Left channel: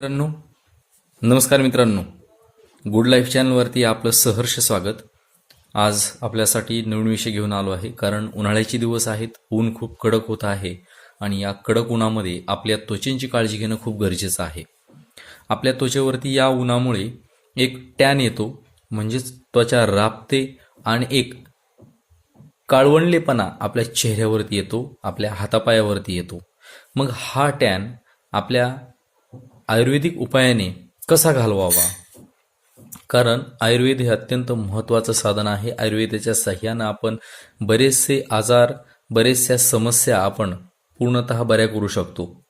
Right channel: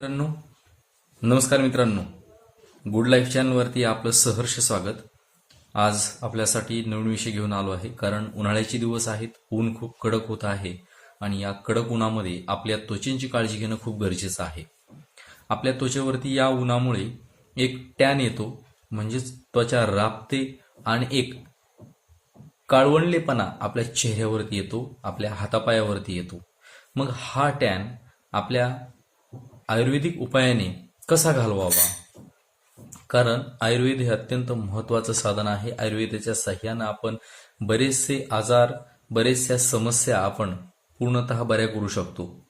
मित्रांनो नमस्कार मित्रांनो. गुड लाईफ चॅनलवरती आपलं सहर्ष स्वागत. आज आपल्यासाठी नवीन विषय घेऊन आलो आहे कारण उन्हाळ्याचे दिवस आहेत ऊन खूप कडक होत आहे आणि या कडक उन्हामध्ये आपल्या त्वचेची काळजी घेणं खूप गरजेचं आहे. आपल्या त्वचेवरती या उन्हामुळे एक टॅन येतो म्हणजेच त्वचा राबते आणि एक काळवंडलेपणा आपल्या चेहऱ्यावरती येतो आपल्या हातापायावरती येतो. मग हा टॅन आपल्या आयुर्वेदिक उपायाने कसा घालवावा? कारण आयुर्वेद हे अत्यंत महत्त्वाचं साधन आहे. आयुर्वेदाच्या सहाय्यानं आपण बरेचसे आजार बरेचशा समस्या आपण पूर्णतः बऱ्या करू शकतो.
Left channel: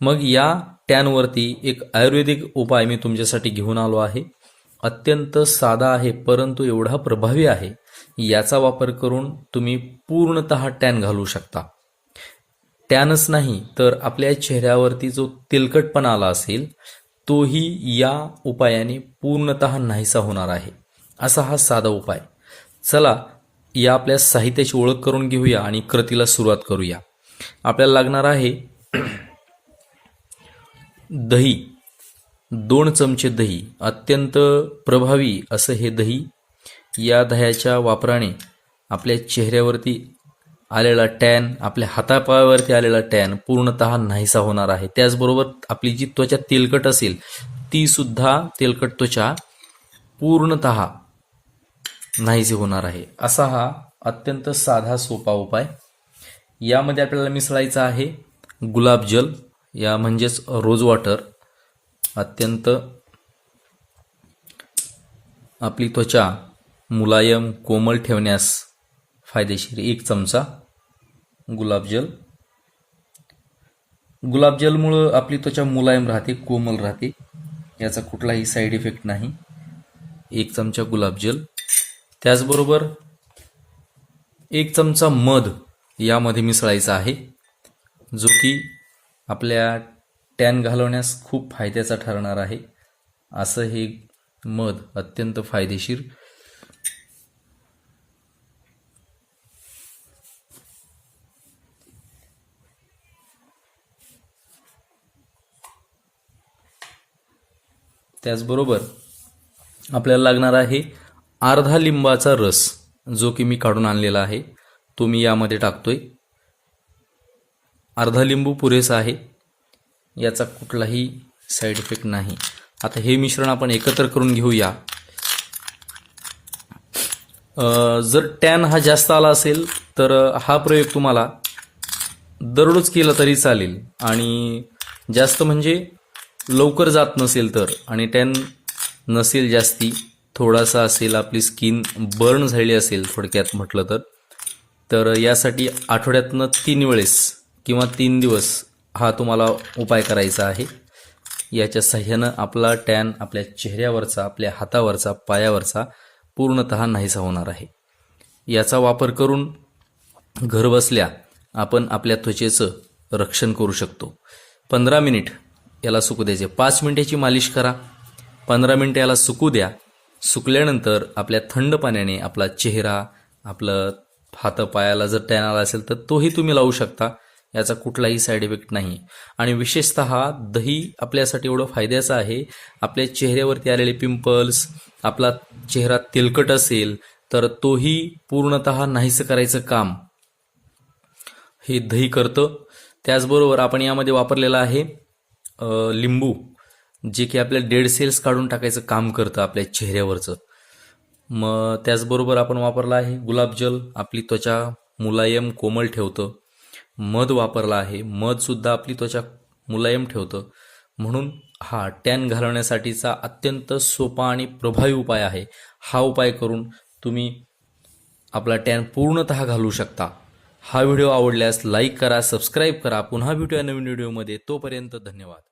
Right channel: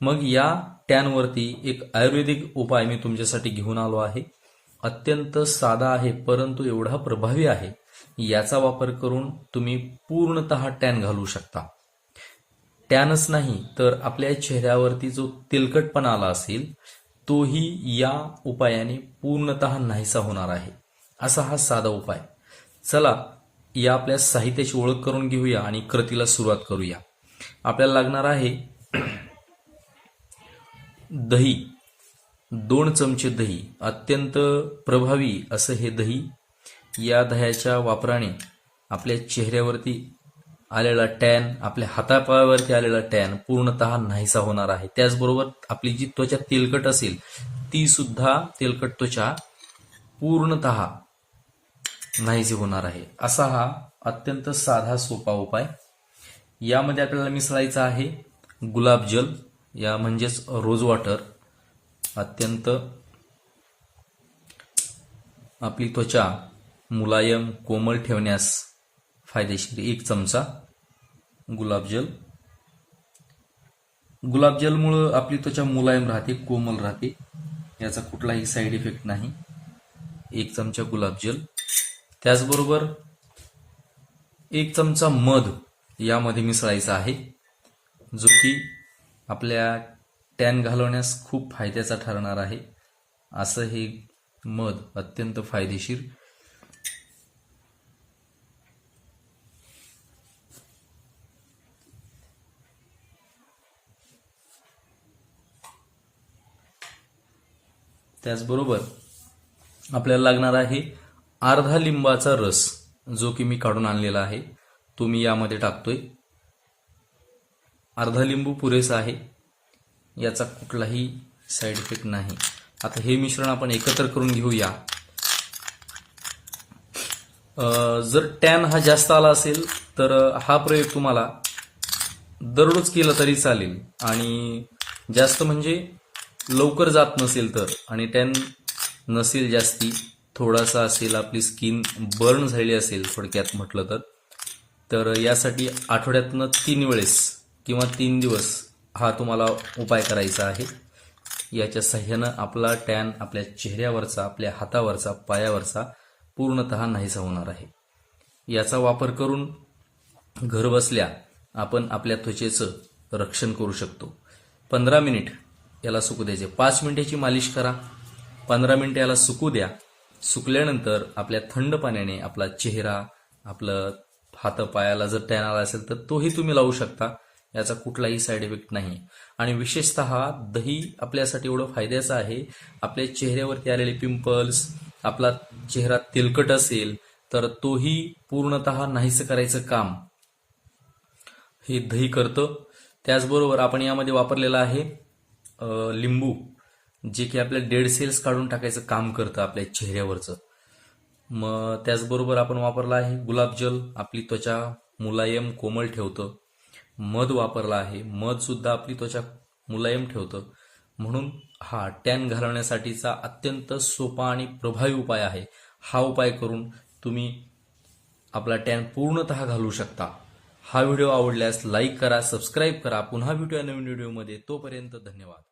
मग या टॅनवरती एक आयुर्वेदिक उपाय मी तुमच्यासाठी घेऊन आलो आहे. अत्यंत साधा आहे परंतु एवढा प्रभावी आहे. याचा वापर करून तुम्ही पूर्णतः टॅन घालू शकता. टॅनच नाही तर आपल्या चेहऱ्यावरती जो तेलकटपणा आला असेल तोही या उपायाने पूर्णतः नाहीसा होणार आहे. असा हा साधा उपाय. चला या आपल्या साहित्याची ओळख करून घेऊया आणि कृतीला सुरुवात करूया. आपल्याला लागणार आहे दही. दोन चमचे दही. अत्यंत प्रभावी असं हे दही या दह्याच्या वापराने आपल्या चेहऱ्यावरती आलेला टॅन आपल्या हातापायावरती आलेला टॅन पूर्णतः नाहीसा होणार आहे. त्याचबरोबर आपली जी त्वचा तेलकट असेल ती सुद्धा तेलकट त्वचा पूर्णतः नाहीसे होणार आहे. असा हा अत्यंत साधा सोपा उपाय. यामध्ये आपल्याला मिसळायचा आहे गुलाबजल या म्हणजेच रोज वॉटर. अत्यंत आपली त्वचा मुलायम कोमल ठेवण्यास फायदेशीर. एक चमचा गुलाबजल गुलाबजलमुळं आपली त्वचा मुलायम राहते कोमल राहते. याचा कुठलाही साईड इफेक्ट नाही. एक चमचा गुलाबजल त्याचबरोबर एक चमचा मध यामध्ये मिसळायचा आहे जो की आपल्या टॅन घालवण्यास खूप फायद्याचा ठरणार आहे. असं हे मध अत्यंत फायदेशीर त्याचबरोबर आपल्याला लागणार आहे अर्धा लिंबाचा रस जो की मी काढून आणलेला आहे. तो मी यामध्ये टाकतोय. अर्धा लिंबू पुरेसा आहे. याचा कुठलाही साईड इफेक्ट नाही. आता हे मिश्रण आपण एकत्र करून घेऊया. जर टॅन हा जास्त आला असेल तर हा प्रयोग तुम्हाला दररोज केला तरी चालेल. आणि जास्त म्हणजे लवकर जात नसेल तर आणि टॅन नसेल जास्ती थोडासा असेल आपली स्किन बर्न झालेली असेल थोडक्यात म्हटलं तर तर यासाठी आठवड्यातनं तीन वेळेस किंवा तीन दिवस हा तुम्हाला उपाय करायचा आहे. याच्या सहाय्यानं आपला टॅन आपल्या चेहऱ्यावरचा आपल्या हातावरचा पायावरचा पूर्णतः नाहीसा होणार आहे. याचा वापर करून घरबसल्या आपण आपल्या त्वचेचं रक्षण करू शकतो. पंधरा मिनिट याला सुकू द्यायचे. पाच मिनिटाची मालिश करा. पंधरा मिनिटं याला सुकू द्या. सुकल्यानंतर आपल्या थंड पाण्याने आपला चेहरा आपलं हातापायाला जर टॅन आला असेल तर तोही तुम्ही लावू शकता. याचा कुठलाही साईड इफेक्ट नाही. आणि विशेषतः दही आपल्यासाठी एवढं फायद्याचं आहे. आपल्या चेहऱ्यावरती आलेले पिंपल्स आपला चेहरा तेलकट असेल तर तोही पूर्णतः नाहीसं करायचं काम. हे दही करतं. त्याचबरोबर आपण यामध्ये वापरलेलं आहे लिंबू जे की आपल्या डेड सेल्स काढून टाकायचं काम करतं आपल्या चेहऱ्यावरचं. मग त्याचबरोबर आपण वापरला आहे गुलाबजल आपली त्वचा मुलायम कोमल ठेवतं. मध वापरला आहे मध सुद्धा आपली त्वचा मुलायम ठेवतं. म्हणून हा टॅन घालवण्यासाठीचा अत्यंत सोपा आणि प्रभावी उपाय आहे. हा उपाय करून तुम्ही आपला टॅन पूर्णतः घालू शकता. हा व्हिडिओ आवडल्यास लाईक करा सबस्क्राईब करा. पुन्हा भेटूया नवीन व्हिडिओमध्ये. तोपर्यंत धन्यवाद.